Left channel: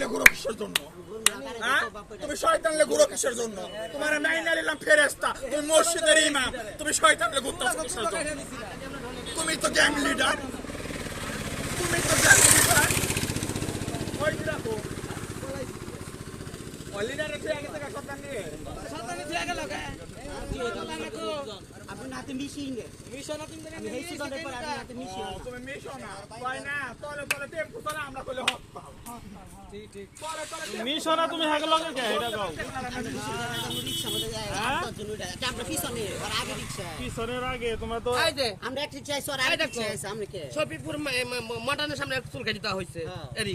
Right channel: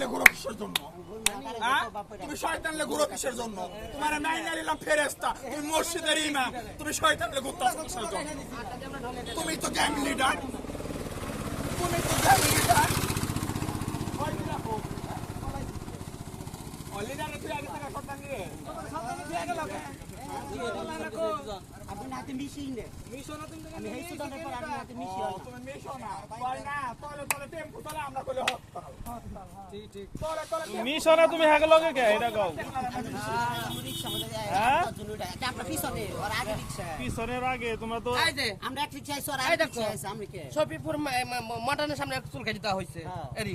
লে ঘুরো কিসের জন্য? হ্যাঁ? তুমি শয়তান লে ঘুরো কিসের জন্য? তোমার নাই না নিলাম ফেরেস্তা তুমি মসজিদের ইমাম তুমি শয়তান লে ঘুরতে কিসের জন্য? তুমি তো গ্যাং লিডার তুমি তো গ্যাং লিডার ওই দেখো ওই লিডারে তুই আগে থেকে শয়তান নিয়ে? আপনি নাতে মিশি নে মিশি ও, তুমি মিশো না কয় না তলে তলে টেম্পু তলে আমরা কইলে হক পাও ঠিক ঠিক তলে তলে মিশনে তুমি হাগে লগে কে এটা কও রিক্সা মধ্যে যায়? দশজন উঠে আমরা পিছনে ওর আগে রিক্সা পিছনের আগে তোমরা তো আমরা একটা আগে কে সামনে চুল কাটি দেওয়া হয়েছে এরি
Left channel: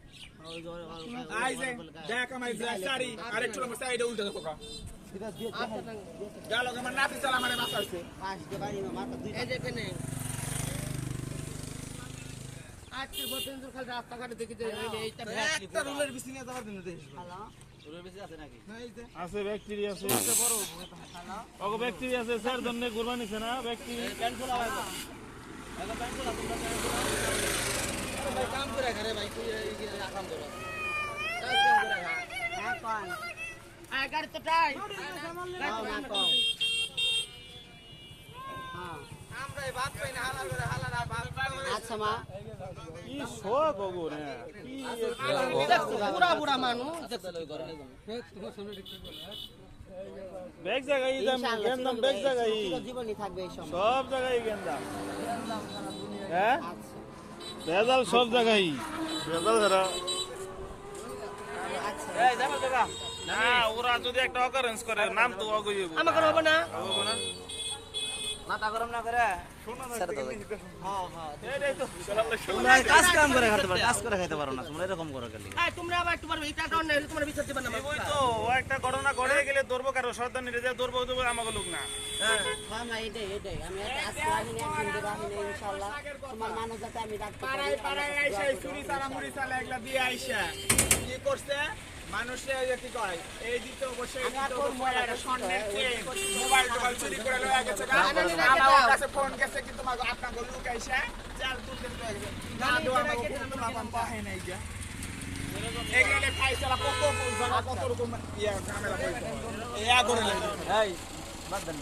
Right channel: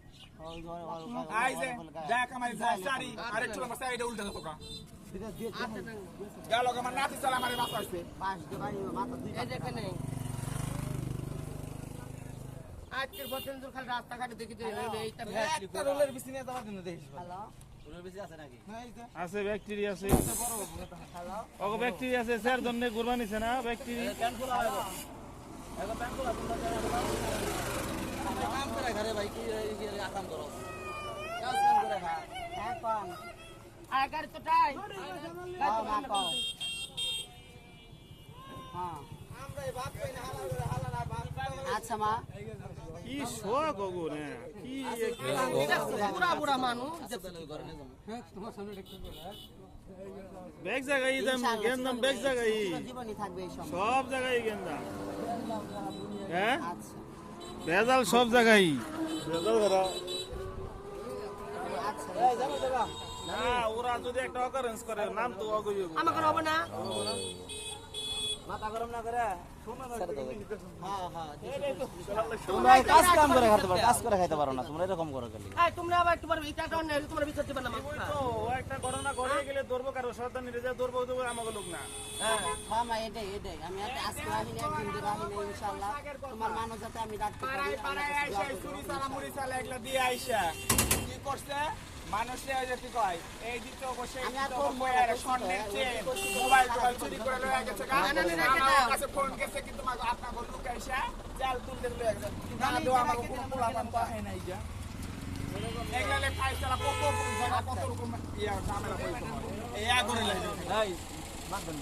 গেল নিছে না ব্যাকটেরিয়া কাম ঘরে ভাই তুই এই যে আকাম ধরো এখন আর গাড়ি তো টাই পাও না পাও হ্যাঁ আমরা এই ভাত পাই না হালাল করে হালাল আর ভাত পাই না আচ্ছা মা। কি শোক ওগো রে। কি বুড়া মানুষ। জায়গায় সব জায়গায় গেন্দাম হ্যাঁ? আচ্ছা ভেজাল সব জায়গায়। ভেজাল ধরা ওরা যদি একটা অকারেন্স করে নাম তো অগই আমাকে হবে না? মাথা গরম না করে? হ্যাঁ হ্যাঁ তোমরা কাজ কাম করে খাইতে পারো কাজ করে খাইতে পারো না তোমরা এরকম করো খালি। তোমরা আবার একটু পারবে এটা অন্য বিচার দিবে না তো একটা ঘটনা ঘটে সর্দার নিয়ে যায় ধরবো তো আমাকে লোক না। হ্যাঁ মা এটাই এটাই। আমি একটা আজকে আনি না একদিন দেবো আমি না ইনশাল্লাহ তোমার মানুষ যাতে আমি রাখতে পারি পাড়ায় পাড়ায় আইসা এই চুরি চালা মুড়ি চালা এগুলা দিয়ে আইসা। কি করছে? মানুষে এই যে কি কয় এই দিতে অবশ্য এই আমি আর দিতে তোর অবশ্য মোবাইল টোবাইল চুরি করে লয়ে গেছে আমার কাছে ফোন গেছে কিন্তু আপনার গো লুকাইছে চাল তুলতে না দো আমার পোলা পাহে নাই গা। এগুলা খাইছালা কত জায়গা কত রকম ইয়া ঝামেলা হইছে এই আগরে লাগে এই বাদ দেন